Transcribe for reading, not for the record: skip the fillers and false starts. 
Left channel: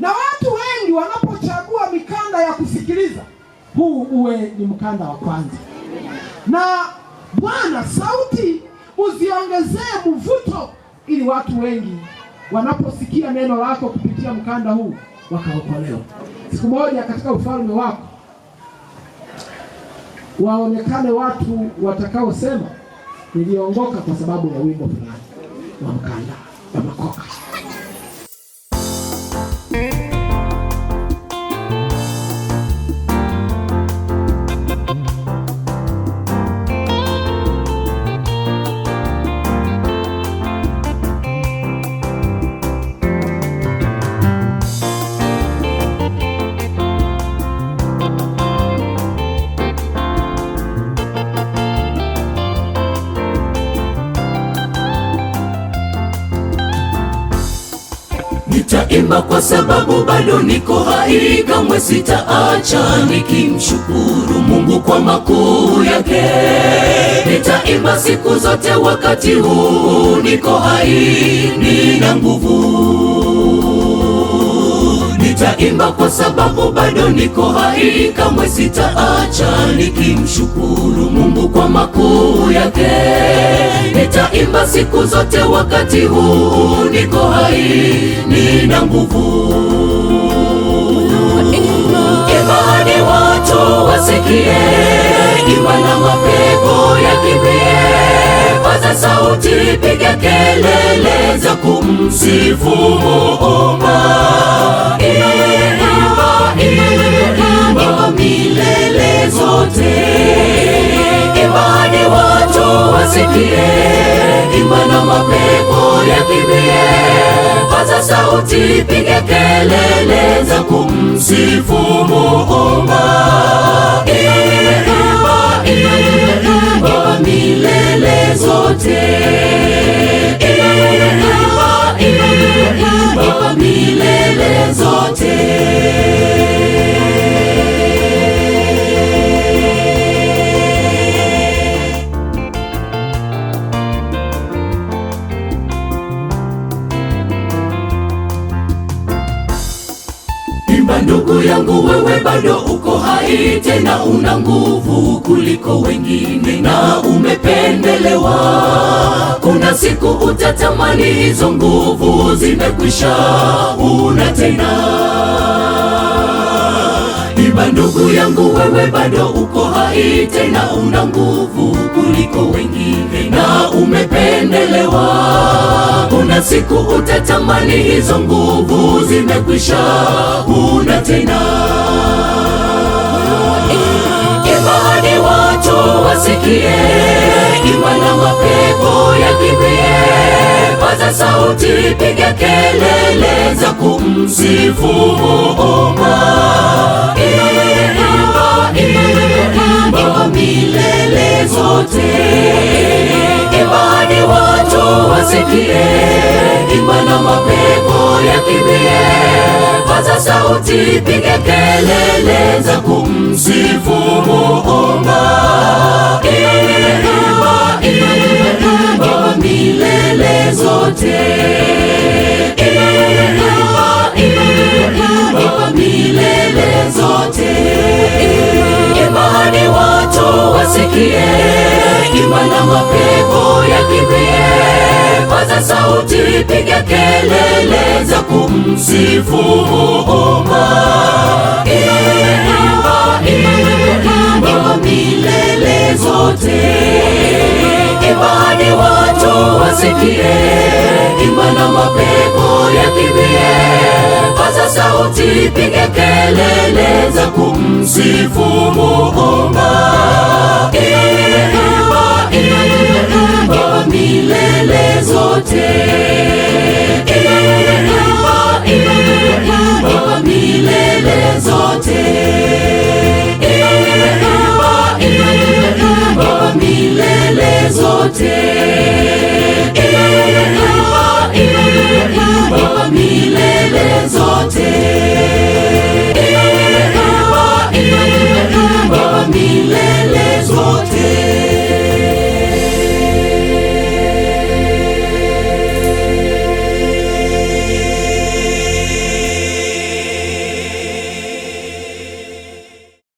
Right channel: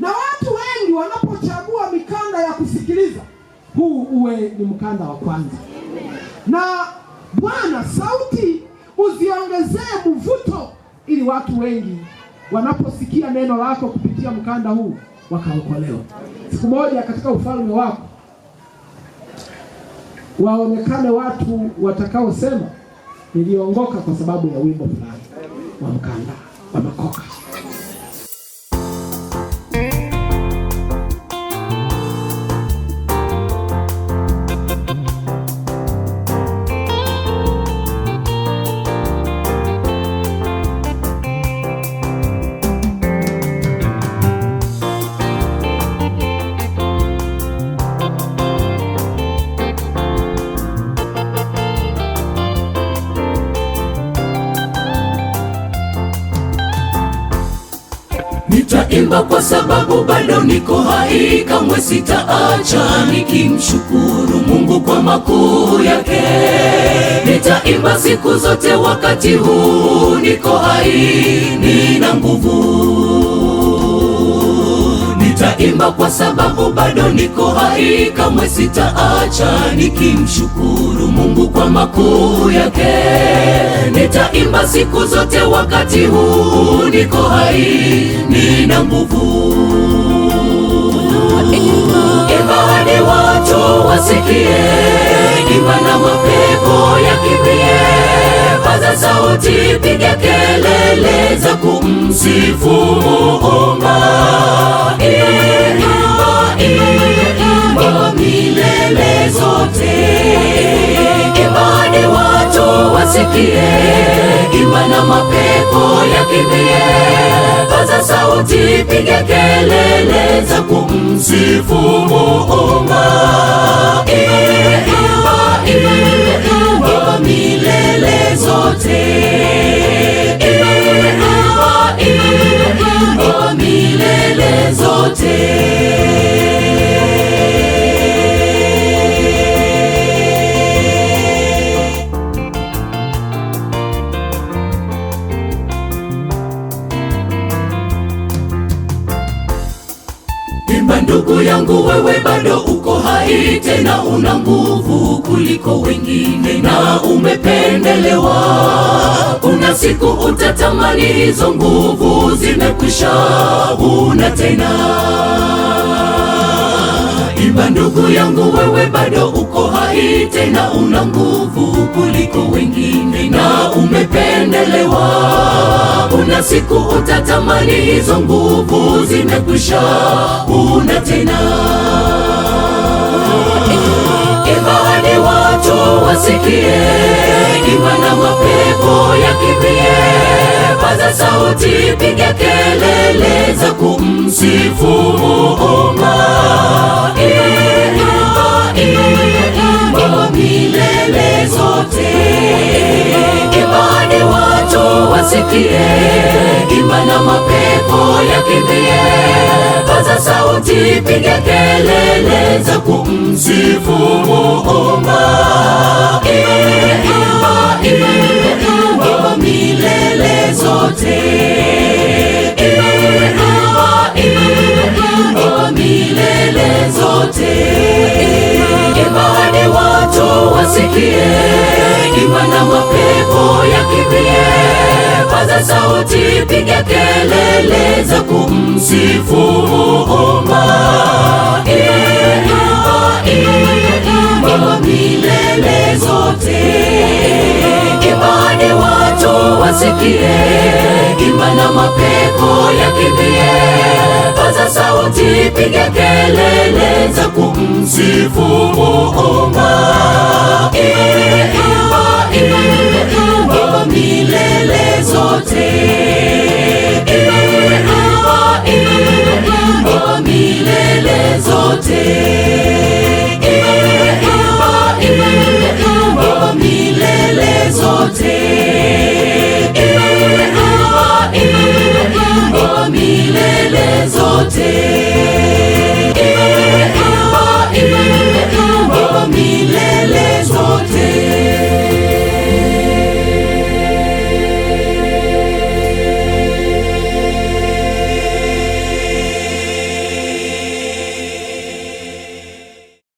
Na watu wengi wanapochagua mikanda ya kusikiliza, huu uwe ni mkanda wa kwanza. Na Bwana, sauti uziongezee mvuto, ili watu wengi wanaposikia neno lako kupitia mkanda huu wakaokolewa. Siku moja katika ufalme wako waonekane watu watakaosema, niliongoka kwa sababu ya wimbo fulani wa mkanda wa makoka. Nitaimba kwa sababu bado niko hai, kamwe sitaacha nikimshukuru Mungu kwa makuu yake. Nitaimba siku zote wakati huu niko hai, nina nguvu. Nitaimba kwa sababu bado niko hai, kamwe sitaacha nikimshukuru Mungu kwa makuu yake. Nitaimba siku zote wakati huu niko hai, nina nguvu. Imba hadi watu wasikie, imba na mapepo yakimbie. Paza sauti, piga kelele za kumsifu Muumba. Imba milele zote, imba hadi watu wasikie, imba na mapepo yakimbie. Paza sauti, piga kelele za kumsifu Muumba. Imba milele zote, imba milele zote. Imba ndugu yangu, wewe bado uko hai, tena una nguvu kuliko wengine na umependelewa. Kuna siku utatamani hizo nguvu zimekwisha, una tena. Imba ndugu yangu, wewe bado uko hai, tena una nguvu kuliko wengine na umependelewa. Kuna siku utatamani hizo nguvu zimekwisha, una tena. Imba hadi watu wasikie, imba na mapepo yakimbie. Paza sauti, piga kelele za kumsifu Muumba. Imba milele zote, imba hadi watu wasikie, imba na mapepo yakimbie. Paza sauti, piga kelele za kumsifu Muumba. Imba milele zote, imba milele zote. Imba hadi watu wasikie, imba na mapepo yakimbie. Paza sauti, piga kelele za kumsifu Muumba. Imba milele zote, imba hadi watu wasikie, imba na mapepo yakimbie. Paza sauti, piga kelele za kumsifu Muumba. Imba milele zote, imba milele zote, imba milele zote, imba milele